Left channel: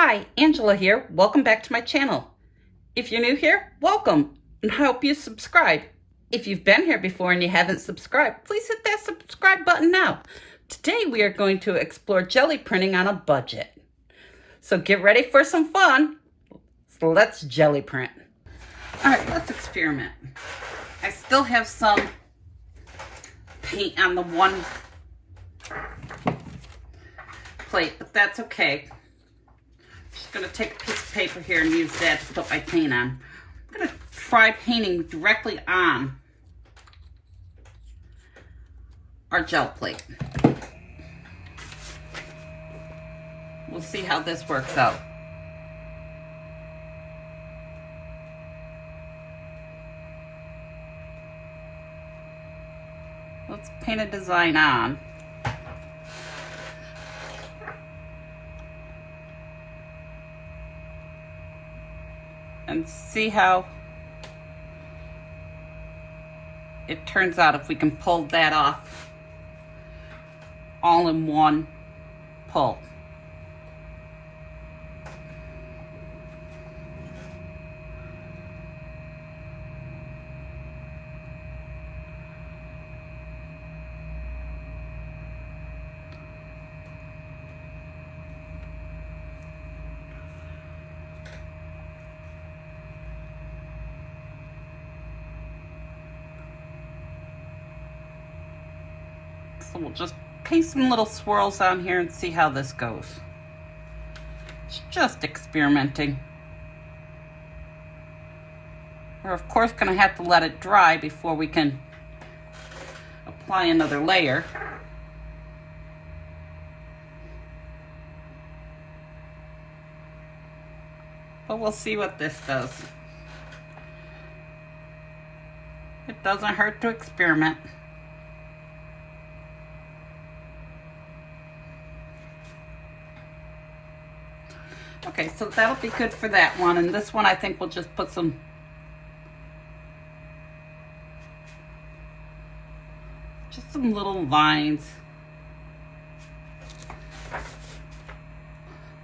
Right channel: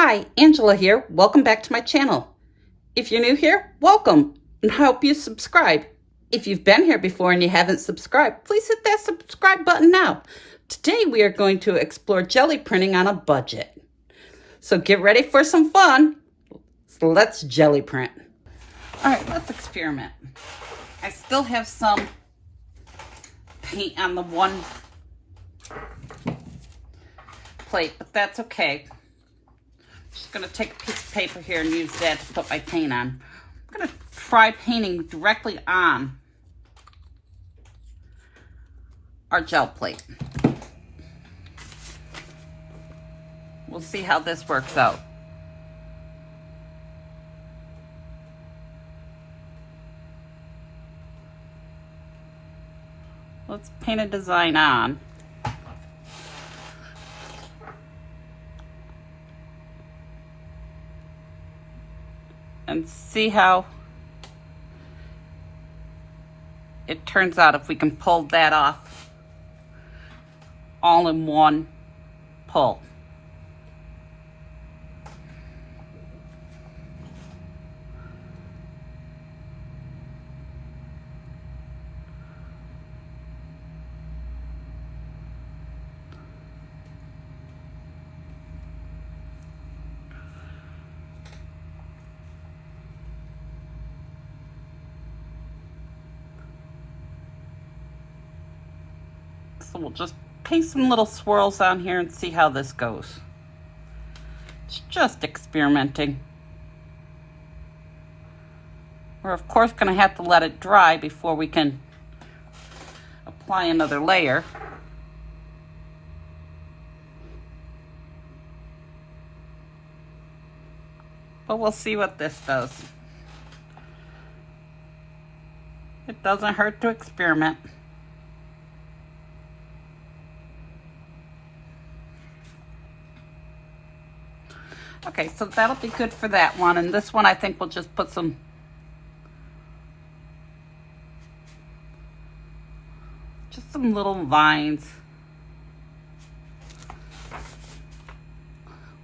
Hi, Angela here. Welcome back to my channel. If you're new here, welcome and hope you subscribe. If you've been here before and you haven't subscribed, please hit that subscribe button now. Today we are going to explore jelly printing on a budget. So get ready for some fun. So let's jelly print. All right, let's experiment. I still have some paint on the one plate, but that's okay. Just gonna take a piece of paper here and use that to put my paint on. I'm gonna try painting directly on our gel plate. We'll see how this works out. Let's paint a design on. And see how it turns out if we can pull that off all in one pull. So we'll just paint some little swirls on here and see how this goes. It's just experimenting. We're of course going to have to let it dry before we can apply another layer. But we'll see what this does. It doesn't hurt to experiment. Okay, so that'll be good for that one. And this one, I think we'll just put some little vines.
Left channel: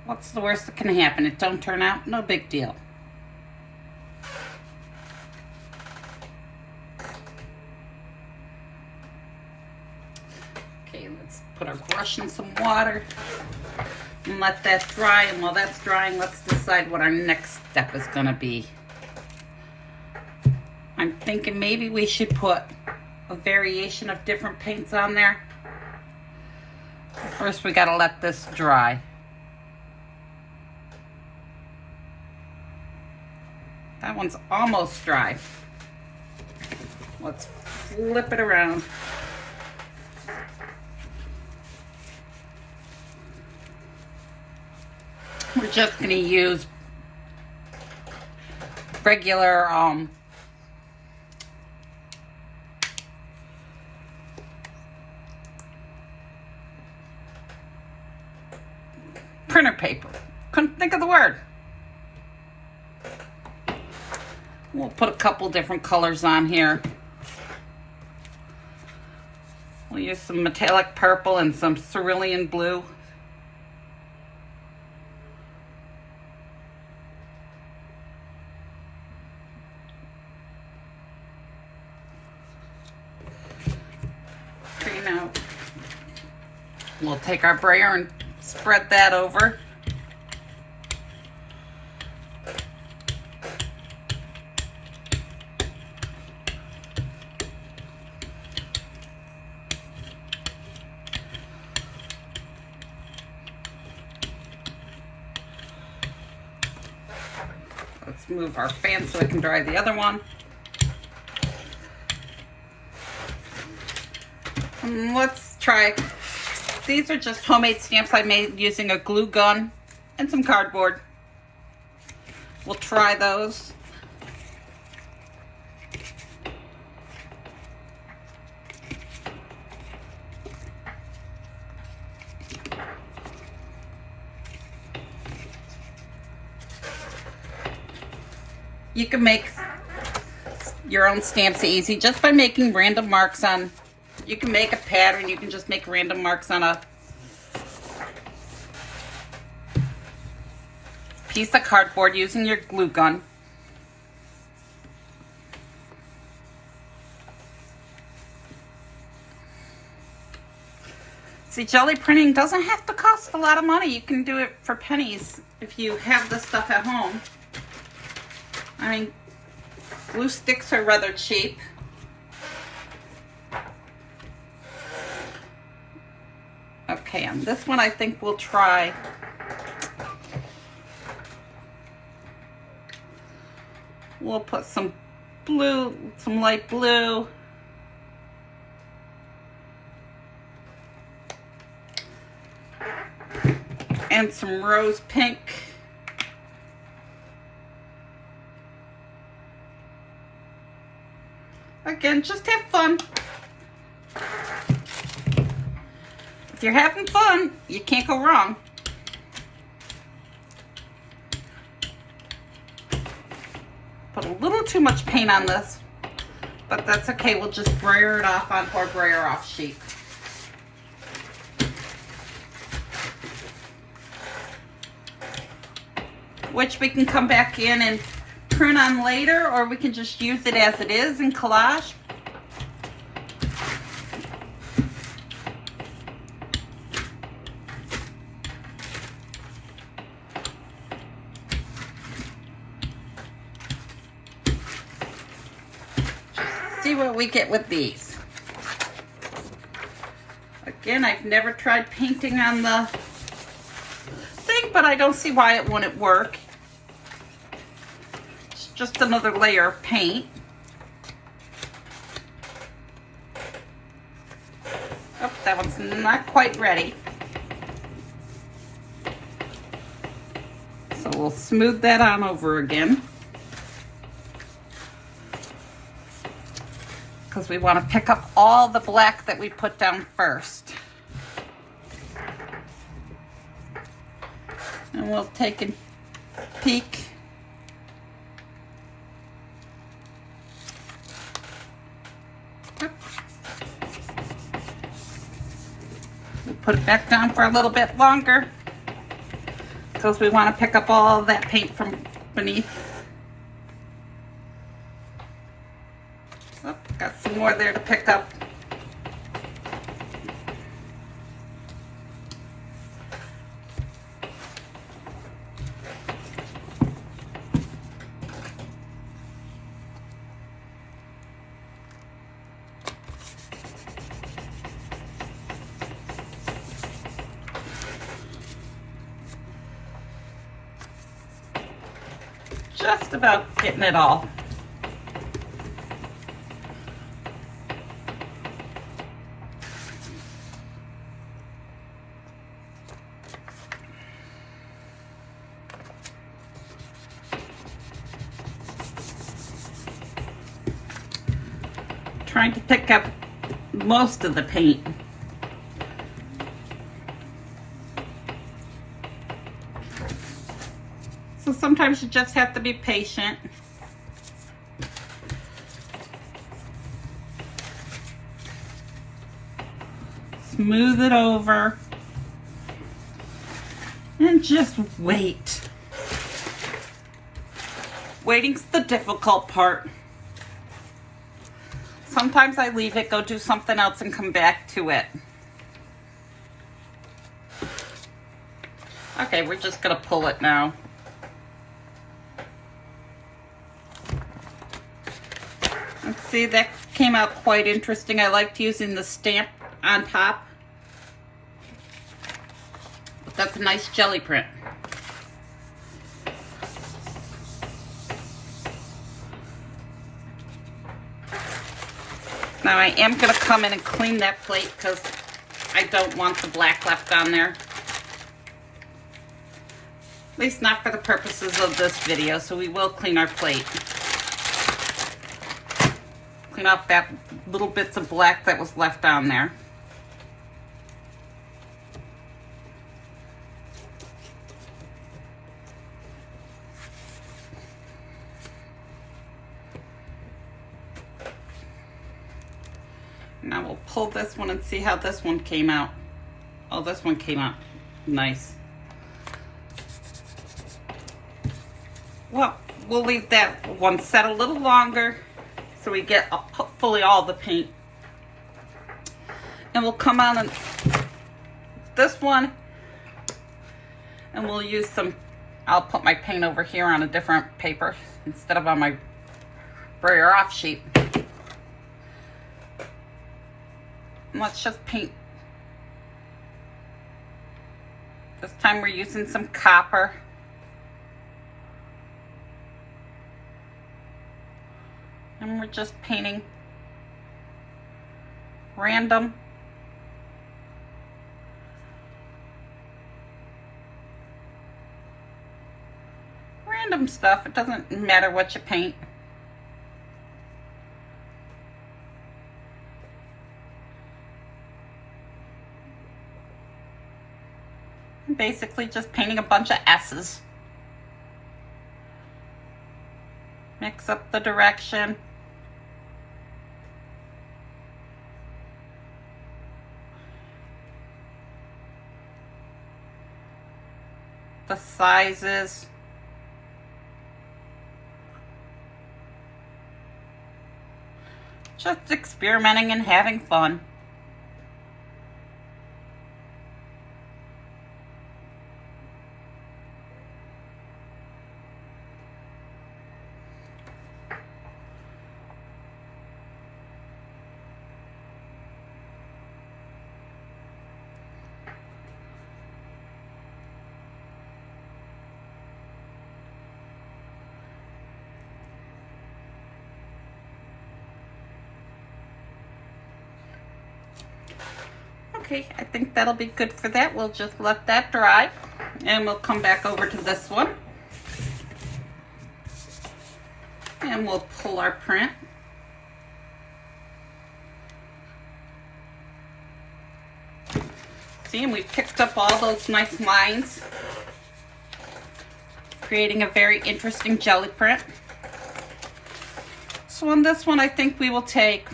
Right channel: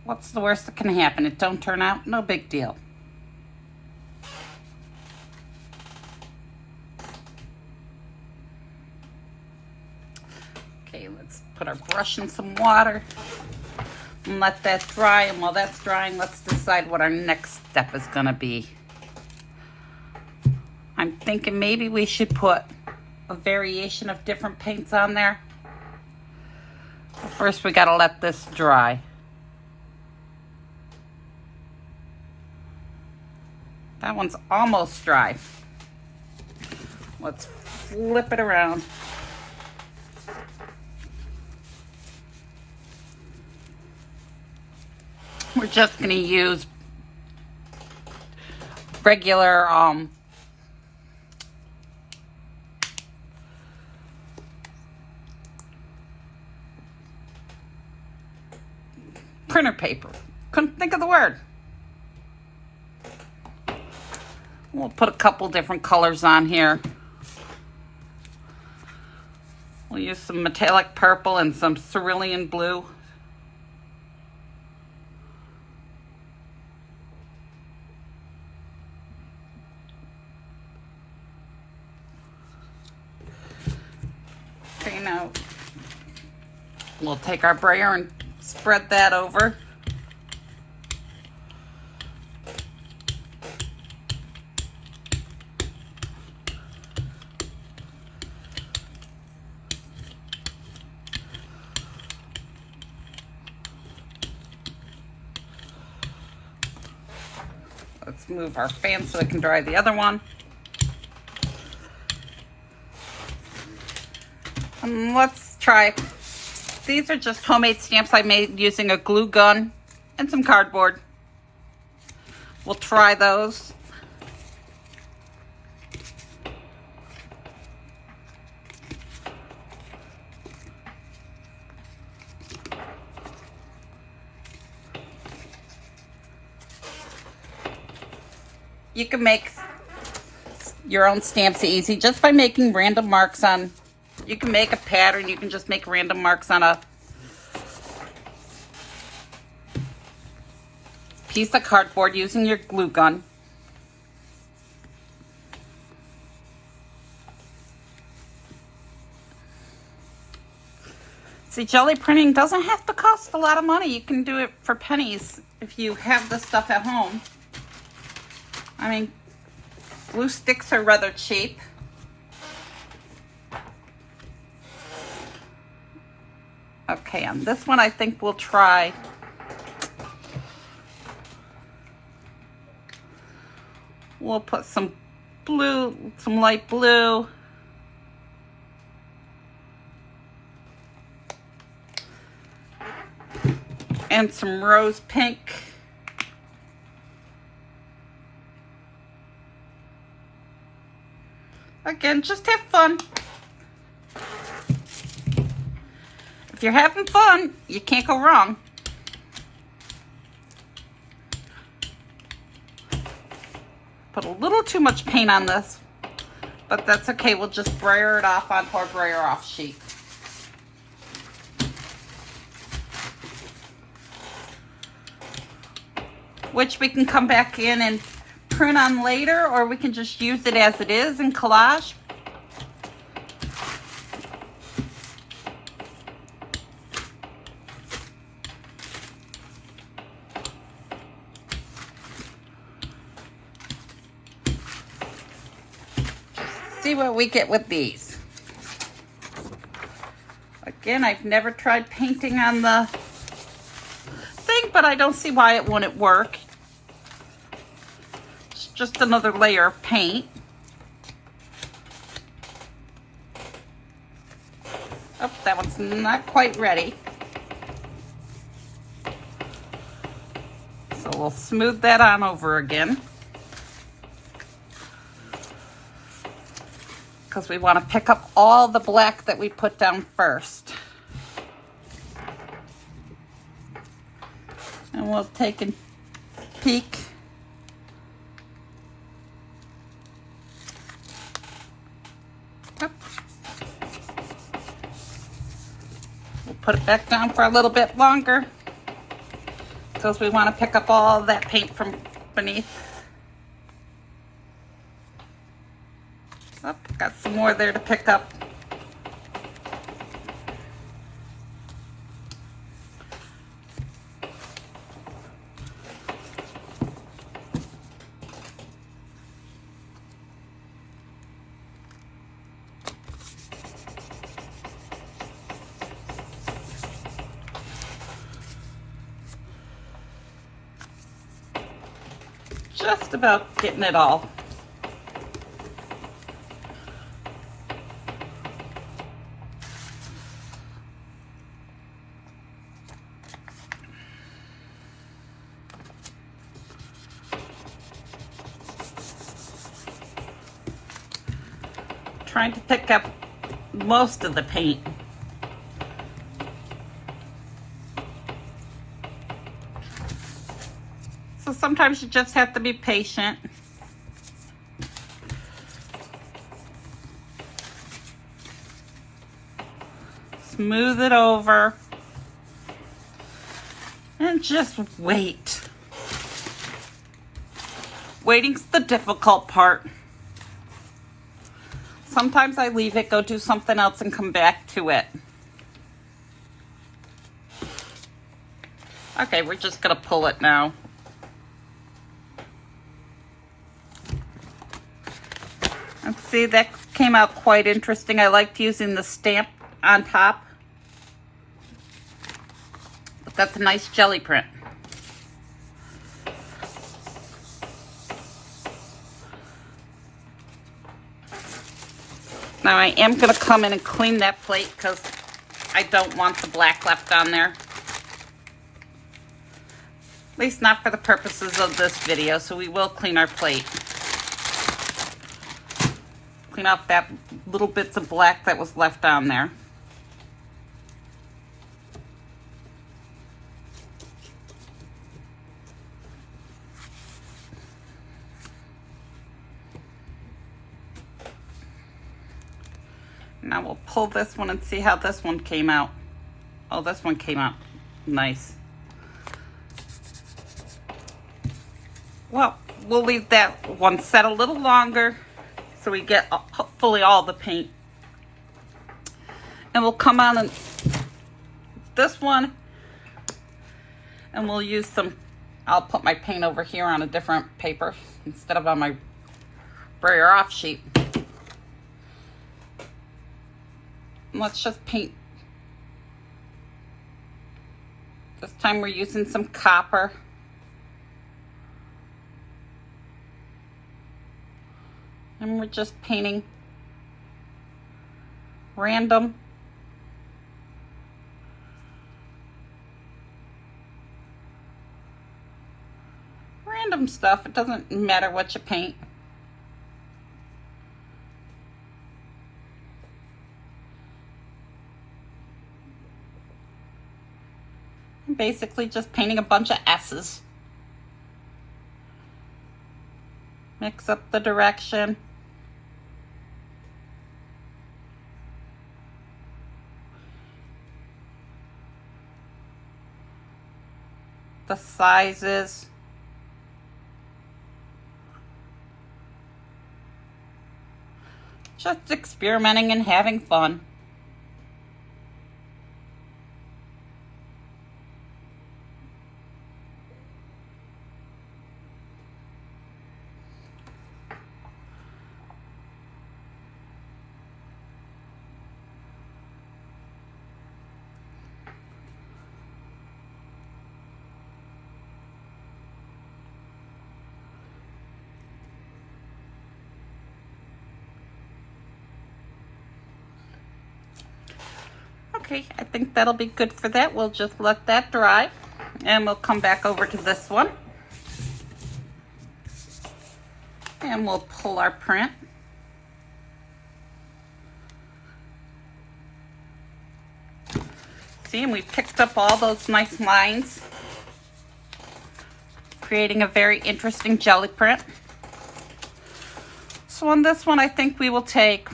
What's the worst that can happen? It don't turn out? No big deal. Okay, let's put our brush in some water and let that dry. And while that's drying, let's decide what our next step is going to be. I'm thinking maybe we should put a variation of different paints on there. But first we got to let this dry. That one's almost dry. Let's flip it around. We're just going to use regular printer paper. Couldn't think of the word. We'll put a couple different colors on here. We'll use some metallic purple and some cerulean blue. Okay, now we'll take our brayer and spread that over. Let's move our fan so it can dry the other one. And let's try, these are just homemade stamps I made using a glue gun and some cardboard. We'll try those. You can make your own stamps easy just by making random marks on. You can make a pattern, you can just make random marks on piece of cardboard using your glue gun. See, jelly printing doesn't have to cost a lot of money. You can do it for pennies if you have this stuff at home. I mean, glue sticks are rather cheap. Okay, on this one I think we'll try we'll put some blue, some light blue. And some rose pink. Again, just have fun. If you're having fun, you can't go wrong. Put a little too much paint on this, but that's okay. We'll just brayer it off onto our brayer off sheet. Which we can come back in and print on later, or we can just use it as it is in collage. See what we get with these. Again, I've never tried painting on the thing, but I don't see why it wouldn't work. It's just another layer of paint. Oh, that one's not quite ready. So we'll smooth that on over again, because we want to pick up all the black that we put down first. And we'll take a peek. We'll put it back down for a little bit longer, because we want to pick up all that paint from beneath. Oh, got some more there to pick up. Just about getting it all. Trying to pick up most of the paint. So sometimes you just have to be patient. Smooth it over and just wait. Waiting's the difficult part. Sometimes I leave it, go do something else, and come back to it. Okay, we're just gonna pull it now. And see, that came out quite interesting. I liked using the stamp on top. That's a nice jelly print. Now I am going to come in and clean that plate, because I don't want the black left on there. At least not for the purposes of this video, so we will clean our plate. Clean up that little bits of black that was left on there. Now we'll pull this one and see how this one came out. Oh, this one came out nice. Well, we'll leave that one set a little longer so we get hopefully all the paint. And we'll come on and this one, and we'll use some, I'll put my paint over here on a different paper instead of on my brayer off sheet. And let's just paint. This time we're using some copper. And we're just painting random stuff. It doesn't matter what you paint. Basically just painting a bunch of S's. Mix up the direction. The sizes. Just experimenting and having fun. Okay, I think that'll be good for that. We'll just let that dry and we'll come back over to this one. And we'll pull our print. See, and we picked up all those nice lines, creating a very interesting jelly print. So on this one, I think we will take,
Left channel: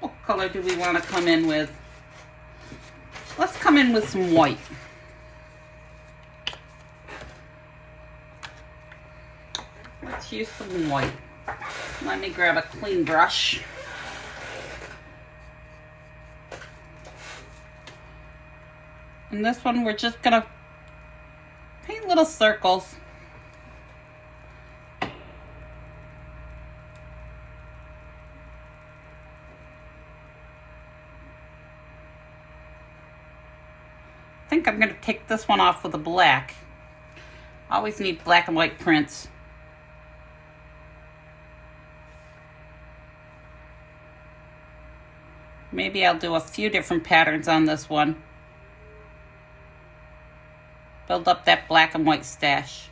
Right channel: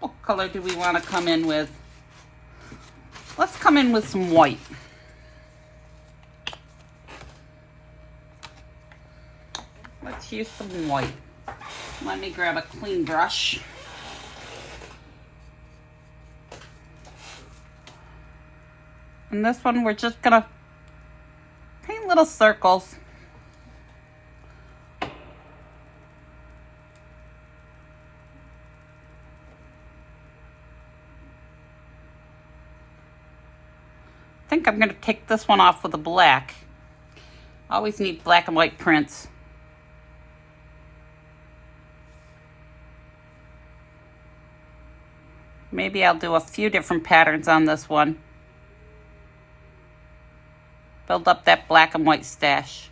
what color do we want to come in with? Let's come in with some white. Let's use some white. Let me grab a clean brush. And this one, we're just gonna paint little circles. I think I'm gonna take this one off with a black. I always need black and white prints. Maybe I'll do a few different patterns on this one. Build up that black and white stash.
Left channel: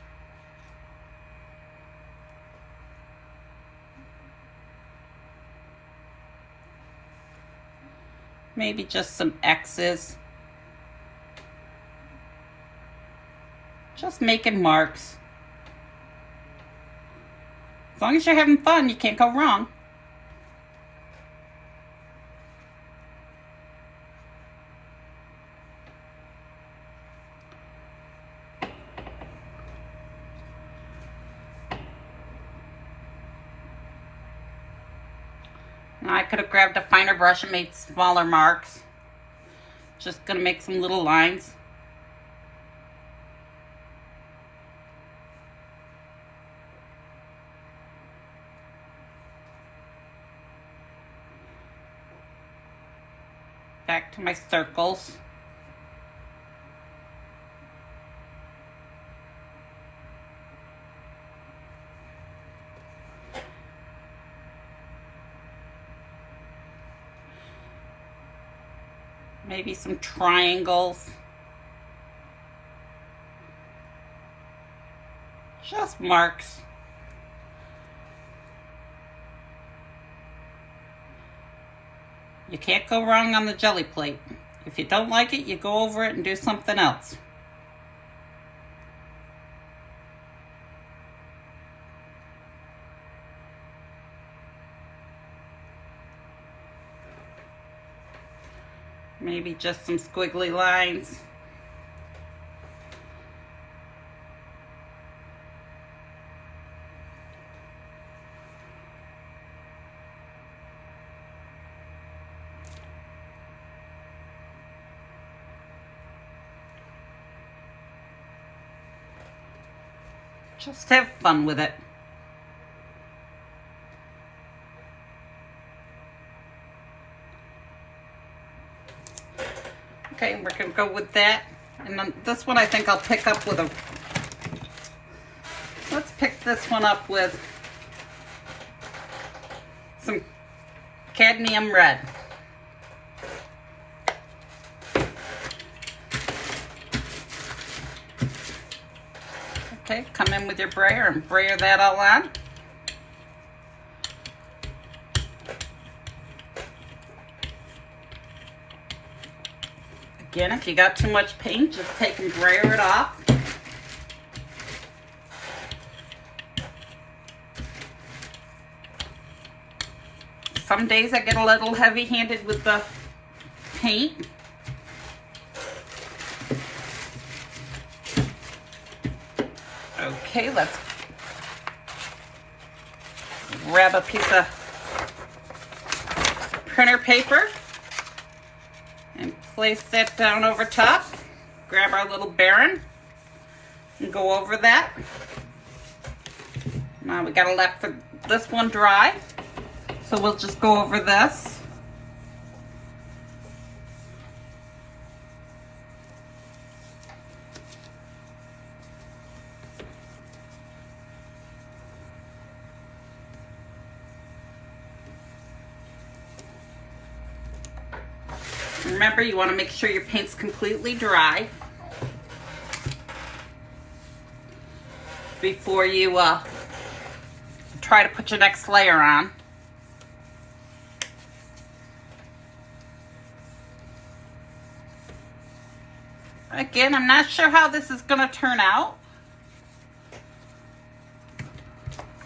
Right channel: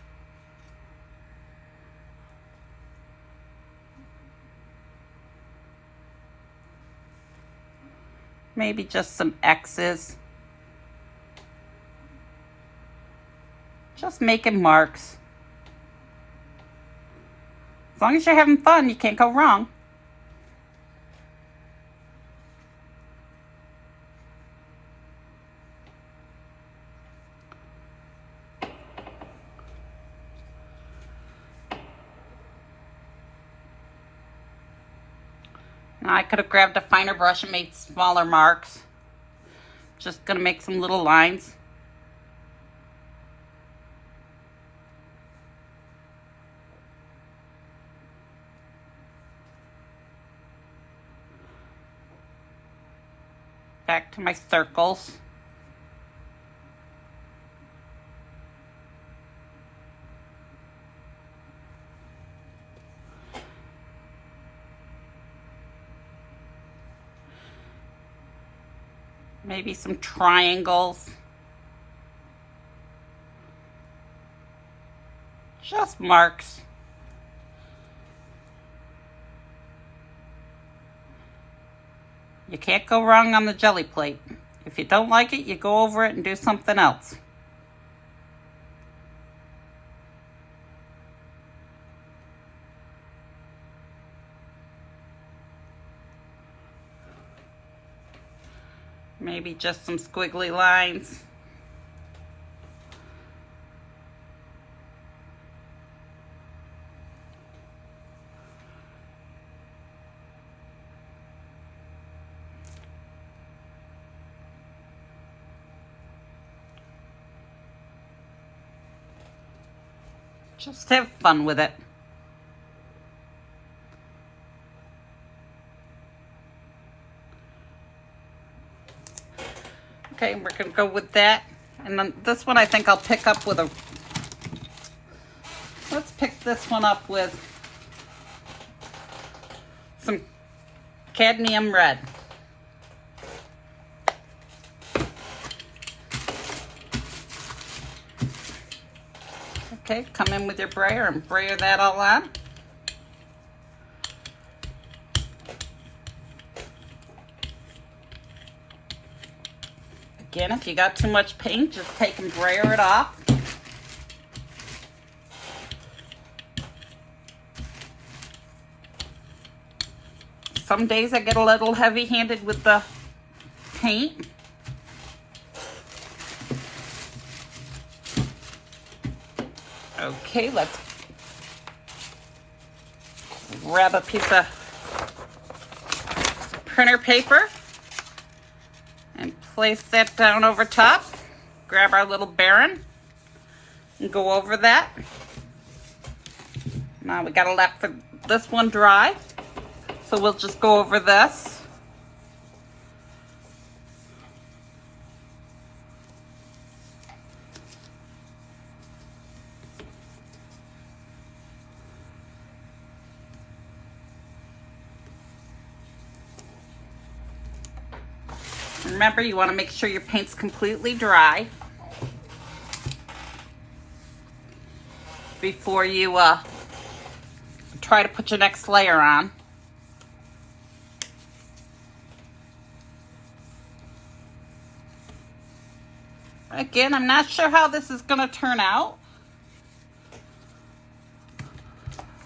Maybe just some X's. Just making marks. As long as you're having fun, you can't go wrong. Now I could have grabbed a finer brush and made smaller marks. Just gonna make some little lines. Back to my circles. Maybe some triangles. Just marks. You can't go wrong on the jelly plate. If you don't like it, you go over it and do something else. Maybe just some squiggly lines. Just have fun with it. Okay, we're gonna go with that. And then this one I think I'll pick up with let's pick this one up with some cadmium red. Okay, come in with your brayer and brayer that all on. Again, if you got too much paint, just take and brayer it off. Some days I get a little heavy-handed with the paint. Okay, let's grab a piece of printer paper and place that down over top. Grab our little Baron and go over that. Now we gotta let for this one dry, so we'll just go over this. Remember, you want to make sure your paint's completely dry before you try to put your next layer on. Again, I'm not sure how this is going to turn out,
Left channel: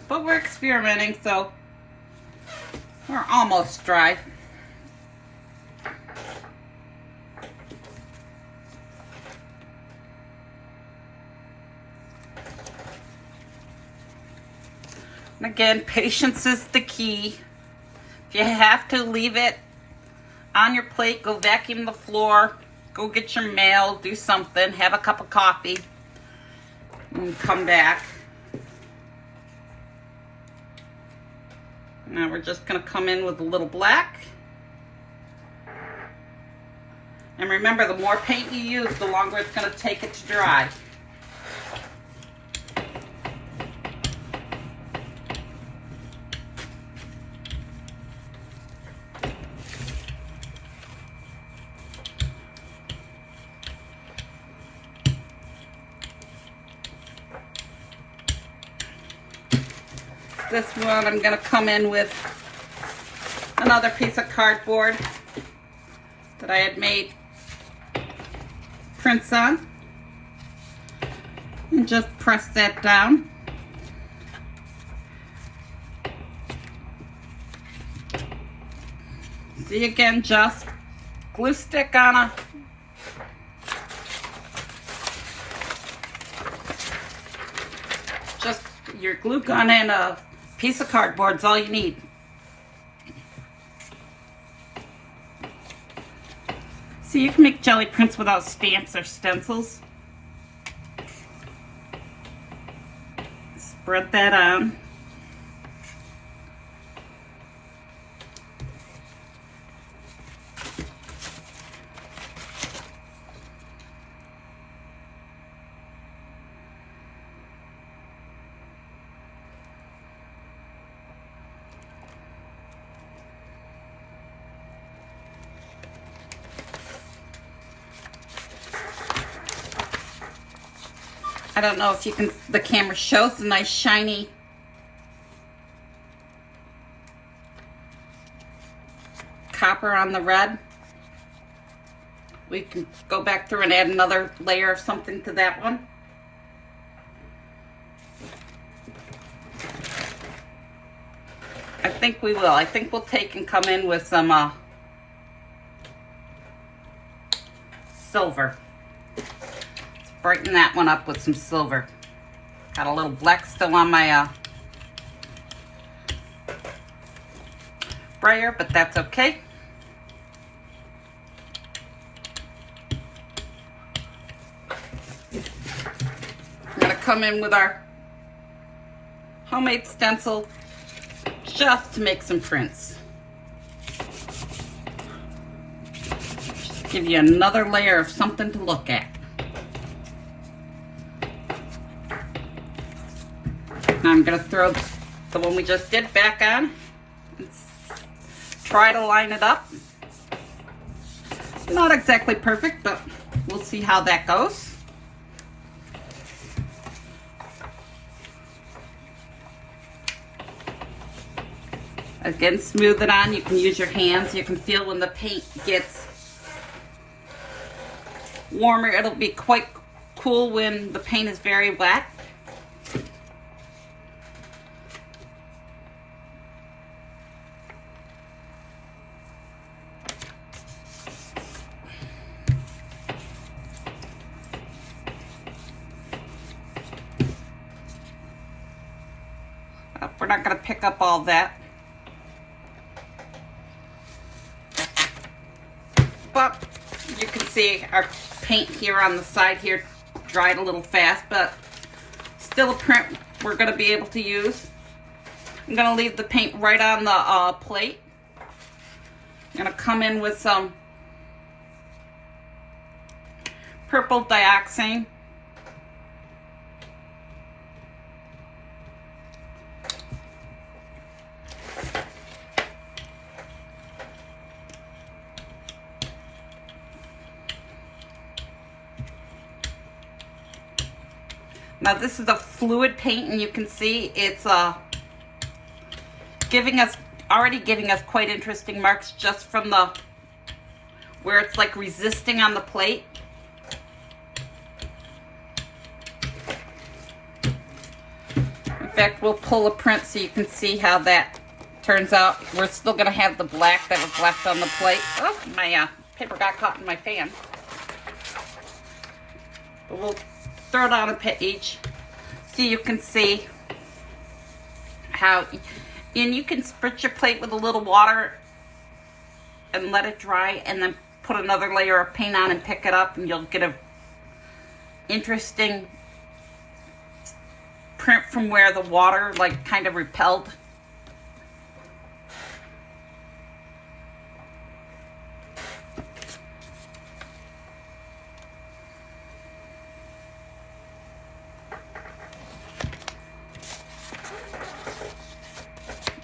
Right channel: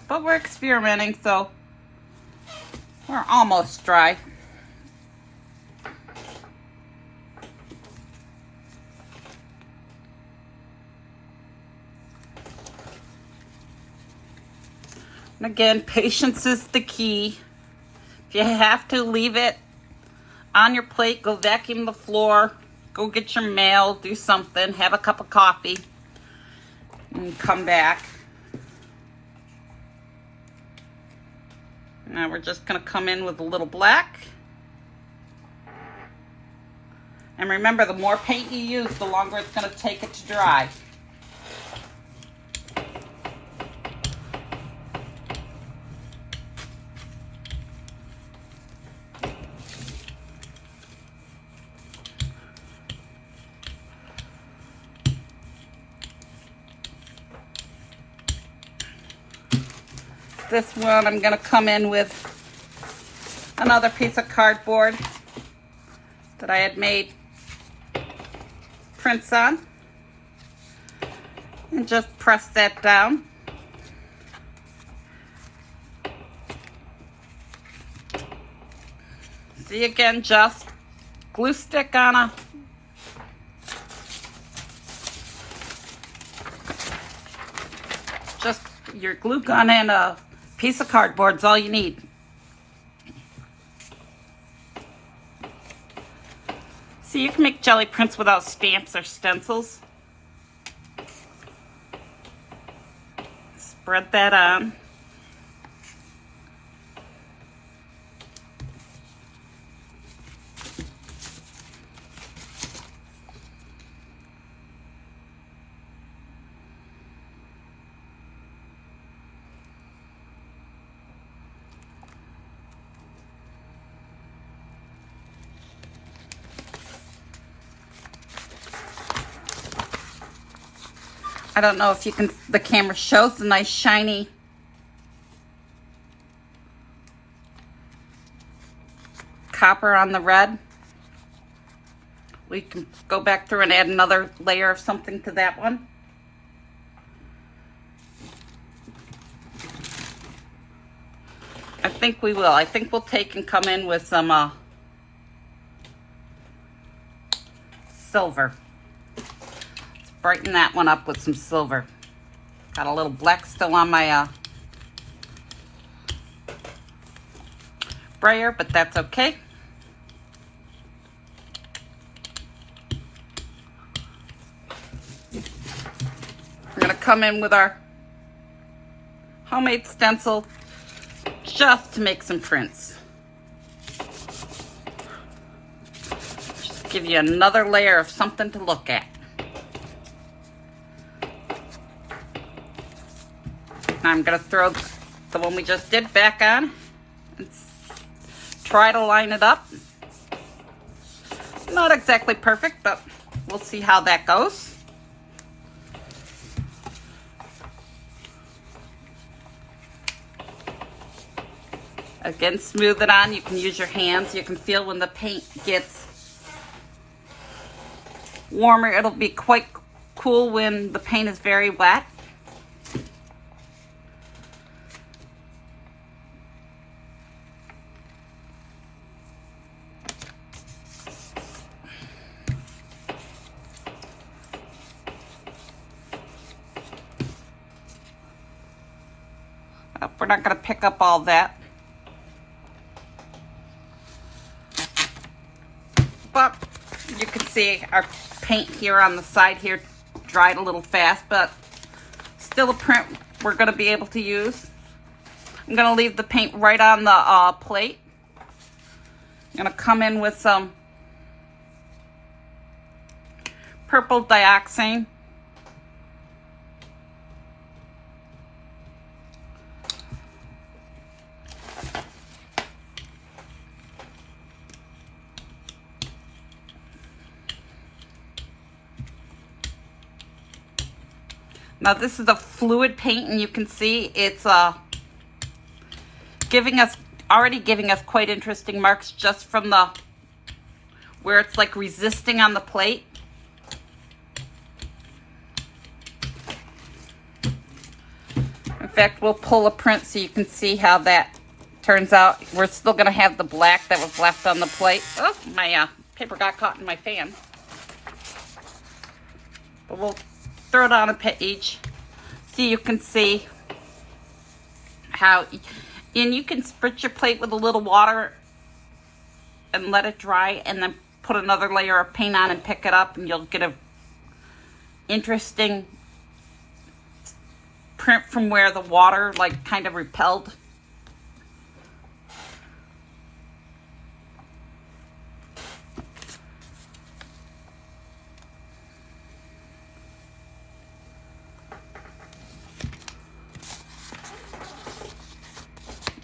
but we're experimenting, so we're almost dry. And again, patience is the key. If you have to leave it on your plate, go vacuum the floor, go get your mail, do something, have a cup of coffee, and come back. Now we're just going to come in with a little black. And remember, the more paint you use, the longer it's going to take it to dry. This one I'm going to come in with another piece of cardboard that I had made prints on, and just press that down. See, again, just glue stick on a just your glue gun and a piece of cardboard is all you need. So you can make jelly prints without stamps or stencils. Spread that on. I don't know if you can, the camera shows the nice shiny copper on the red. We can go back through and add another layer of something to that one. I think we will. I think we'll take and come in with some silver. Brighten that one up with some silver. Got a little black still on my brayer, but that's okay. We're gonna come in with our homemade stencil just to make some prints. Just give you another layer of something to look at. Now I'm going to throw the one we just did back on and try to line it up. Not exactly perfect, but we'll see how that goes. Again, smooth it on. You can use your hands. You can feel when the paint gets warmer. It'll be quite cool when the paint is very wet. We're not going to pick up all that. But you can see our paint here on the side here dried a little fast, but still a print we're going to be able to use. I'm going to leave the paint right on the plate. I'm going to come in with some purple dioxane. Now this is a fluid paint, and you can see it's already giving us quite interesting marks just from the where it's like resisting on the plate. In fact, we'll pull a print so you can see how that turns out. We're still going to have the black that was left on the plate. Oh, my paper got caught in my fan. But we'll throw it on a page so you can see how, and you can spritz your plate with a little water and let it dry, and then put another layer of paint on and pick it up, and you'll get a interesting print from where the water like kind of repelled.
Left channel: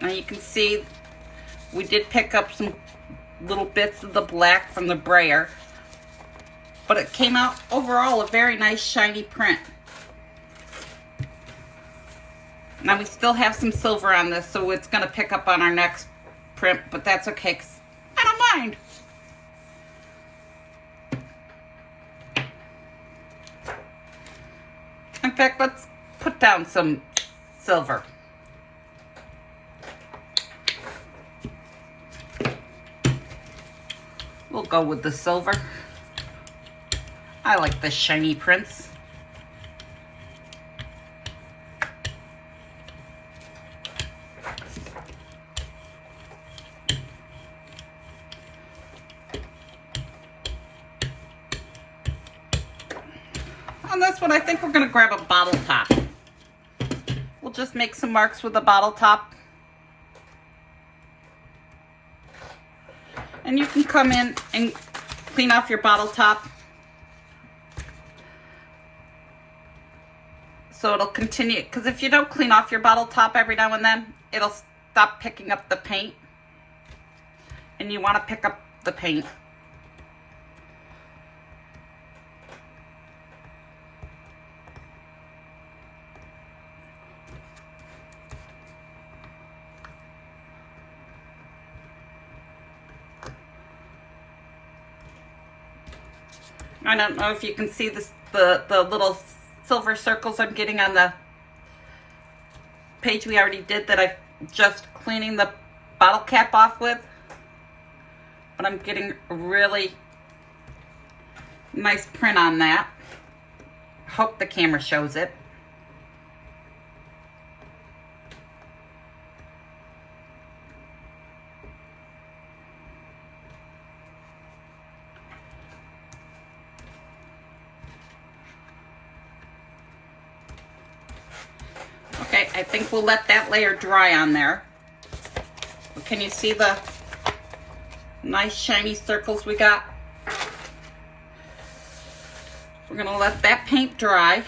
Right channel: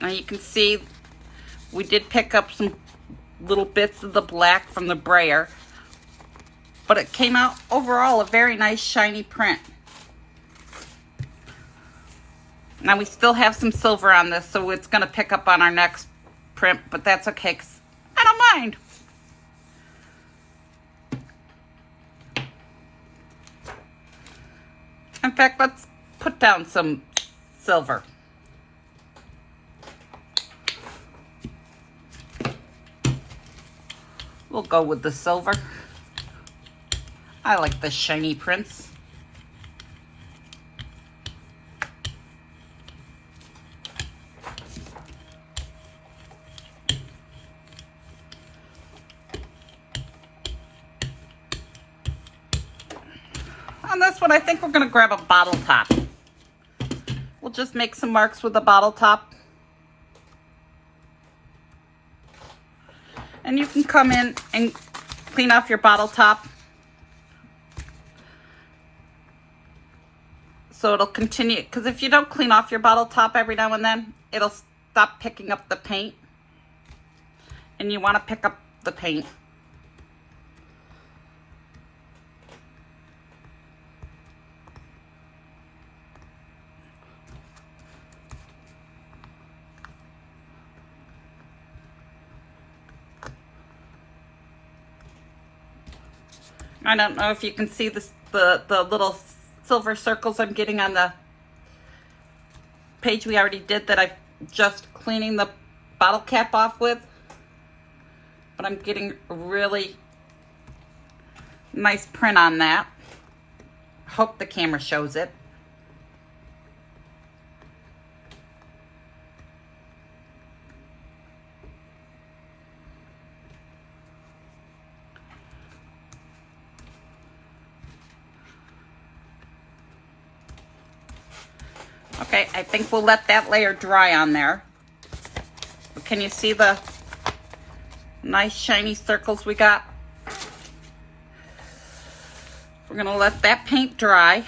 Now you can see we did pick up some little bits of the black from the brayer, but it came out overall a very nice shiny print. Now we still have some silver on this, so it's going to pick up on our next print, but that's okay, 'cause I don't mind. In fact, let's put down some silver. We'll go with the silver. I like the shiny prints. On this one, I think we're going to grab a bottle top. We'll just make some marks with the bottle top. And you can come in and clean off your bottle top, so it'll continue, because if you don't clean off your bottle top every now and then, it'll stop picking up the paint, and you want to pick up the paint. I don't know if you can see this, the little silver circles I'm getting on the page we already did that I'm just cleaning the bottle cap off with. But I'm getting a really nice print on that. Hope the camera shows it. Okay, I think we'll let that layer dry on there. But can you see the nice shiny circles we got? We're gonna let that paint dry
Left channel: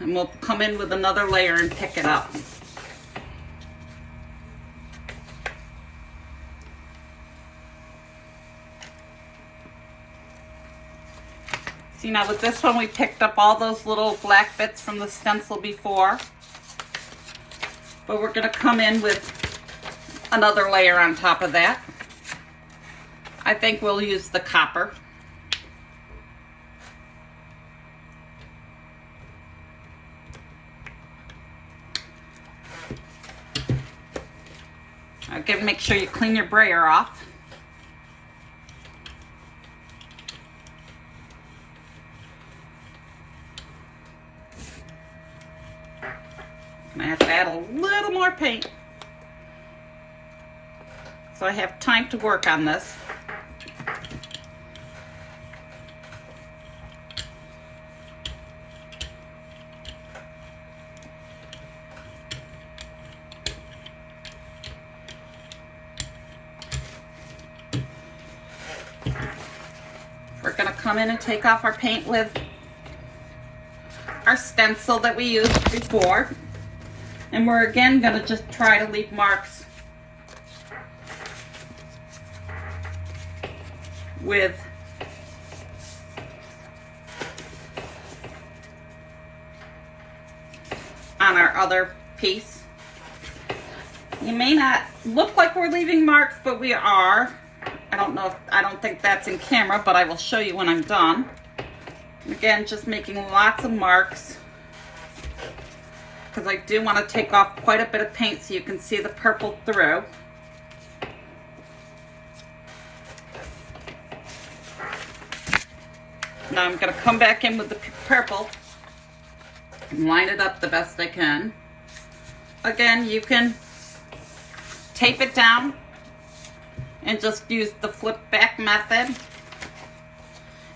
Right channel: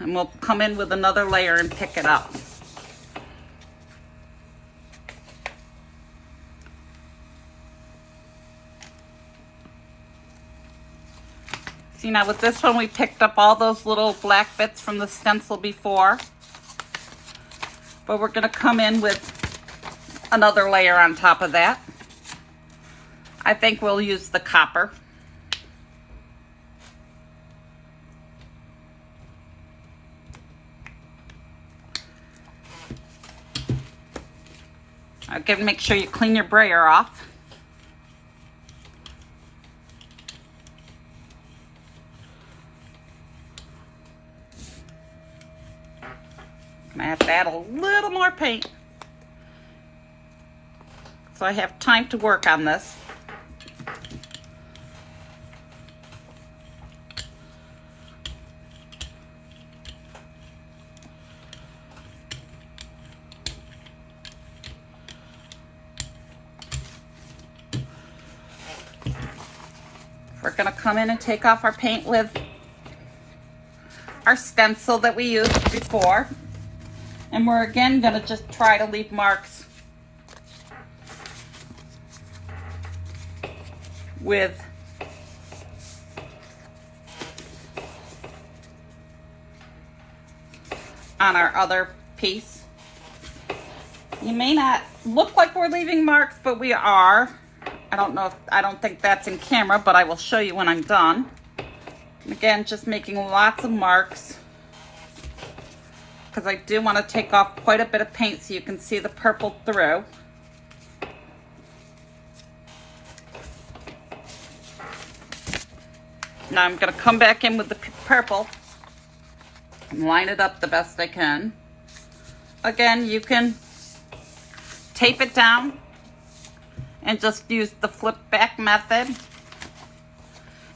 and we'll come in with another layer and pick it up. See, now with this one we picked up all those little black bits from the stencil before, but we're gonna come in with another layer on top of that. I think we'll use the copper. Again, make sure you clean your brayer off. I'm gonna have to add a little more paint so I have time to work on this. We're gonna come in and take off our paint with our stencil that we used before. And we're again gonna just try to leave marks with on our other piece. You may not look like we're leaving marks, but we are. I don't think that's in camera, but I will show you when I'm done. Again, just making lots of marks because I do want to take off quite a bit of paint so you can see the purple through. Now I'm going to come back in with the purple and line it up the best I can. Again, you can tape it down and just use the flip back method.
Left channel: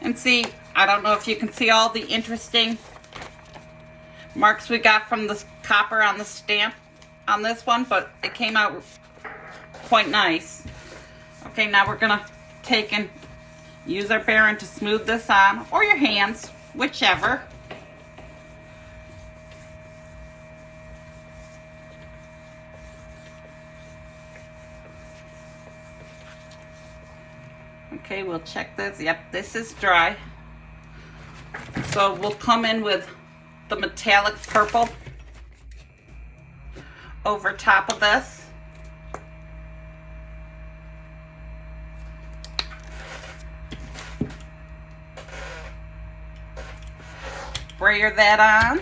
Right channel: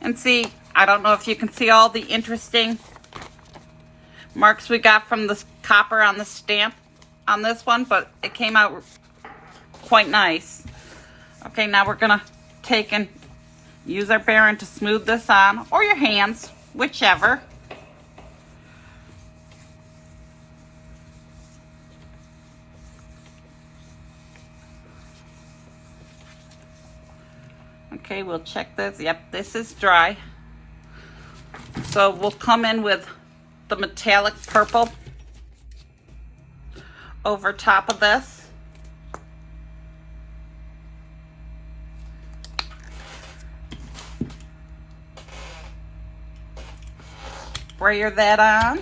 And see, I don't know if you can see all the interesting marks we got from the copper on the stamp on this one, but it came out quite nice. Okay, now we're gonna take and use our baren to smooth this on, or your hands, whichever. Okay, we'll check this. Yep, this is dry. So we'll come in with the metallic purple over top of this. Brayer that on.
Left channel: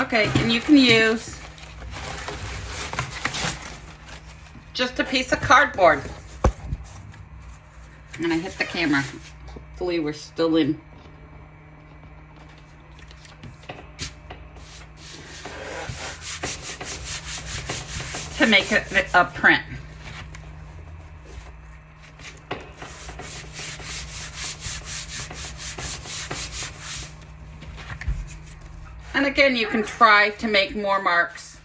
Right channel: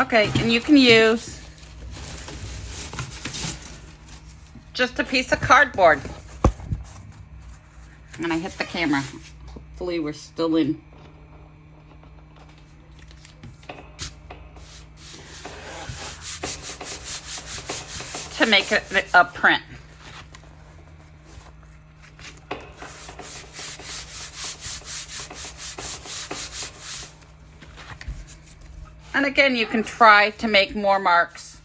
Okay, and you can use just a piece of cardboard. I'm gonna hit the camera. Hopefully we're still in. To make it a print. And again, you can try to make more marks.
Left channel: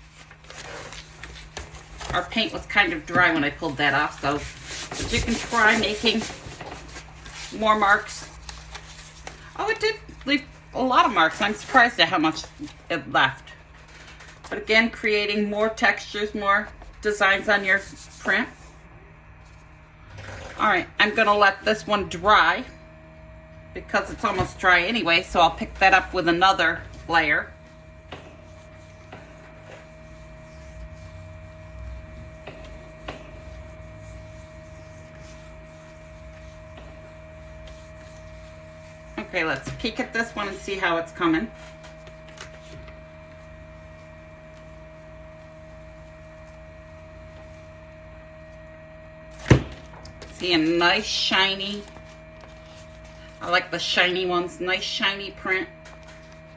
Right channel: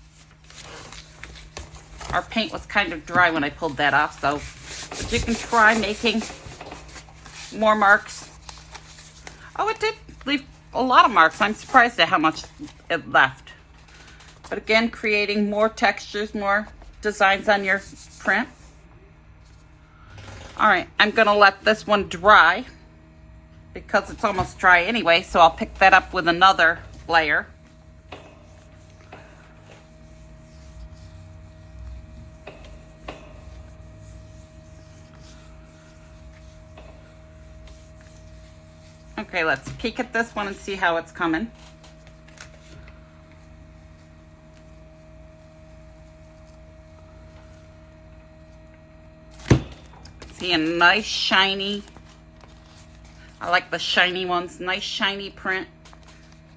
Our paint was kind of dry when I pulled that off, so but you can try making more marks. Oh, it did leave a lot of marks. I'm surprised at how much it left. But again, creating more textures, more designs on your print. All right, I'm gonna let this one dry because it's almost dry anyway, so I'll pick that up with another layer. Okay, let's peek at this one and see how it's coming. See a nice shiny. I like the shiny ones, nice shiny print.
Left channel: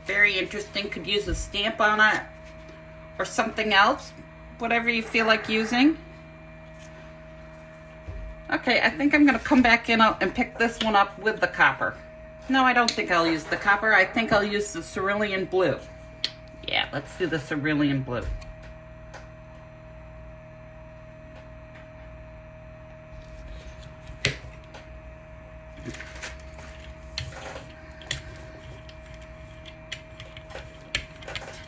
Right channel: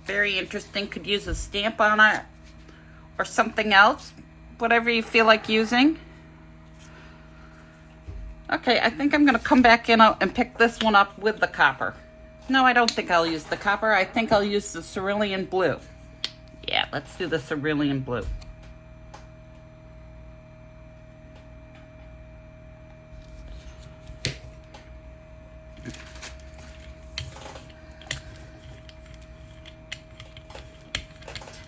Very interesting, could use a stamp on it or something else, whatever you feel like using. Okay, I think I'm gonna come back in and pick this one up with the copper. No, I don't think I'll use the copper. I think I'll use the cerulean blue. Yeah, let's do the cerulean blue.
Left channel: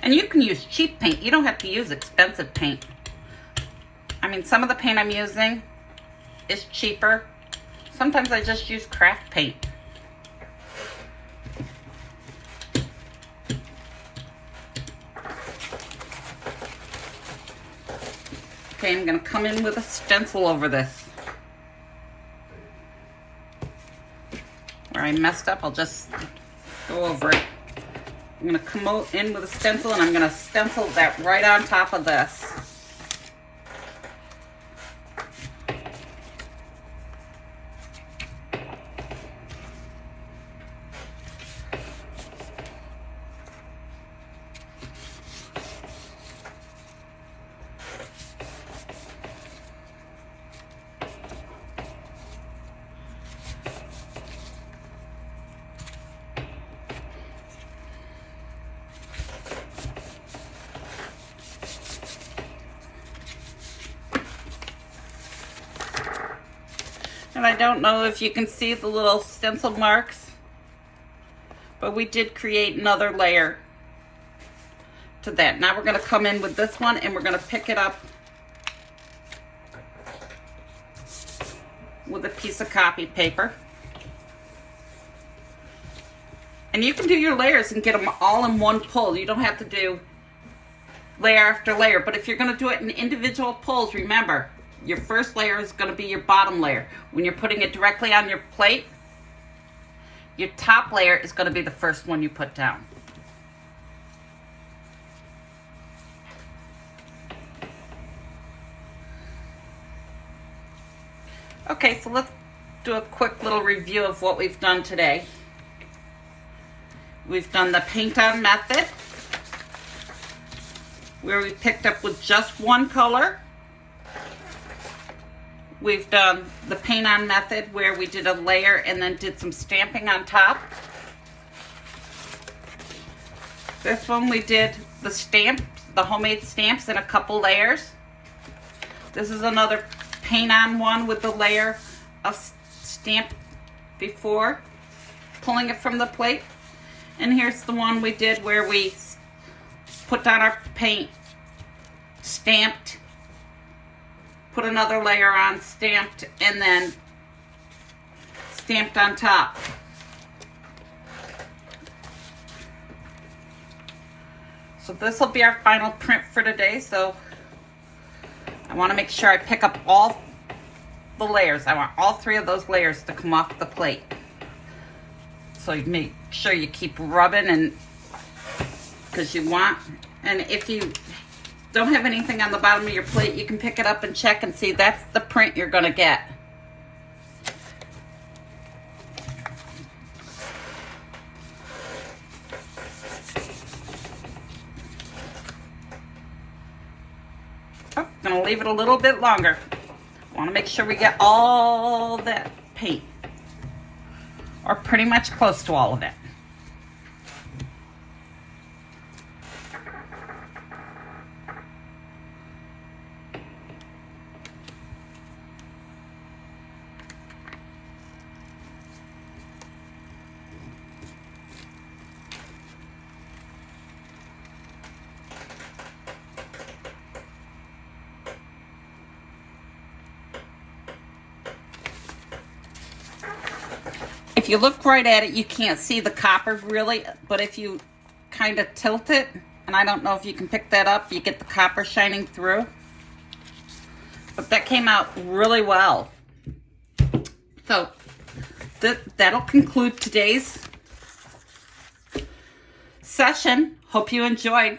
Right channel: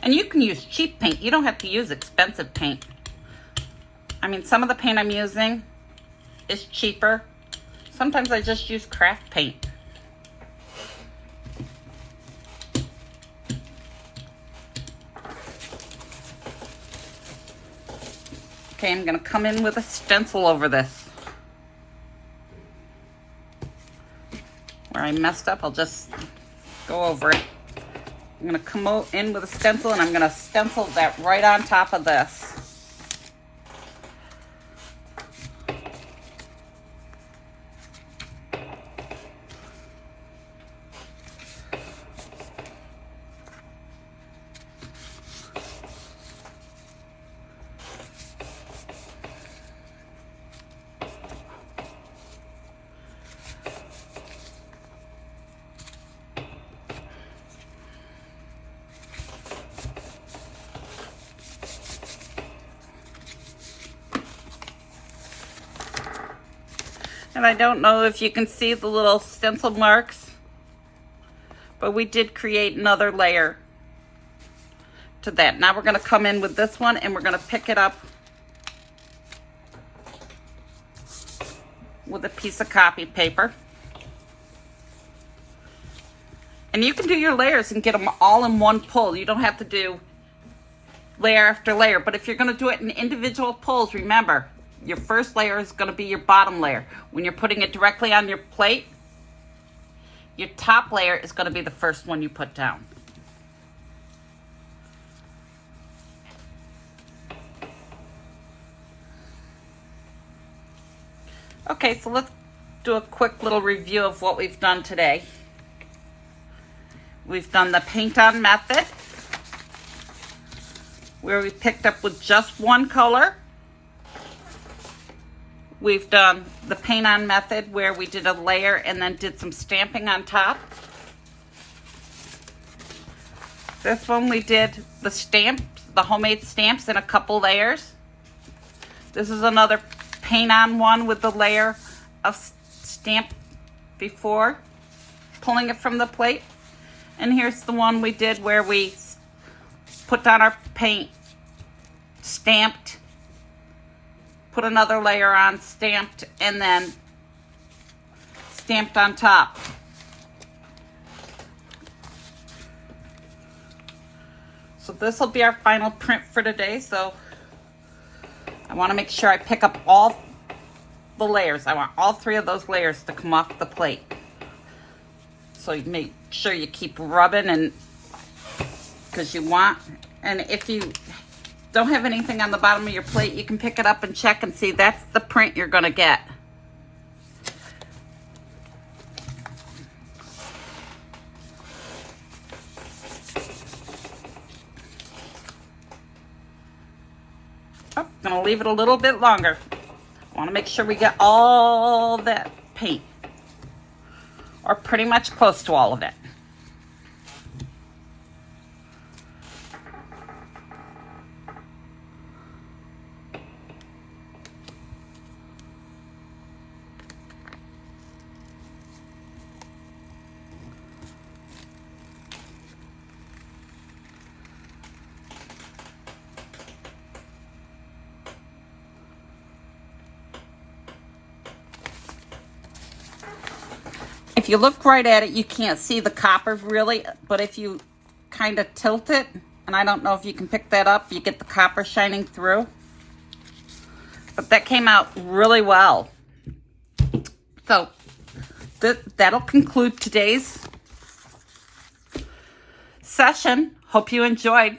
And you can use cheap paint. You don't have to use expensive paint. I mean, some of the paint I'm using is cheaper. Sometimes I just use craft paint. Okay, I'm gonna come in with a stencil over this. Where I messed up, I'll just go over it. I'm gonna come in with a stencil and I'm gonna stencil that right on top of this. And I don't know if you can see the little stencil marks, but we did create another layer to that. Now we're going to come in with this one and we're going to pick it up with a piece of copy paper. And you can do your layers and get them all in one pull. You don't have to do layer after layer, but if you're going to do it in individual pulls, remember, your first layer is going to be your bottom layer. When you're putting it directly on your plate, your top layer is going to be the first one you put down. Okay, so let's do a quick little review of what we've done today. We've done the paint on method, where we picked up with just one color. We've done the paint on method where we did a layer and then did some stamping on top. This one we did the stamps, the homemade stamps in a couple layers. This is another paint on one with the layer of stamp before pulling it from the plate. And here's the one we did where we put down our paint, stamped, put another layer on, stamped, and then stamped on top. So this will be our final print for today. So I want to make sure I pick up all the layers. I want all three of those layers to come off the plate. So you make sure you keep rubbing, and because you want, and if you don't have anything on the bottom of your plate, you can pick it up and check and see that's the print you're going to get. Oh, I'm going to leave it a little bit longer. Want to make sure we get all that paint, or pretty much close to all of it. If you look right at it, you can't see the copper really, but if you kind of tilt it, and I don't know if you can pick that up, you get the copper shining through. But that came out really well. So that'll conclude today's session. Hope you enjoyed.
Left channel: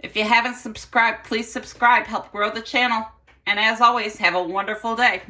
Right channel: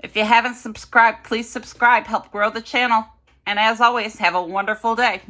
If you haven't subscribed, please subscribe. Help grow the channel. And as always, have a wonderful day.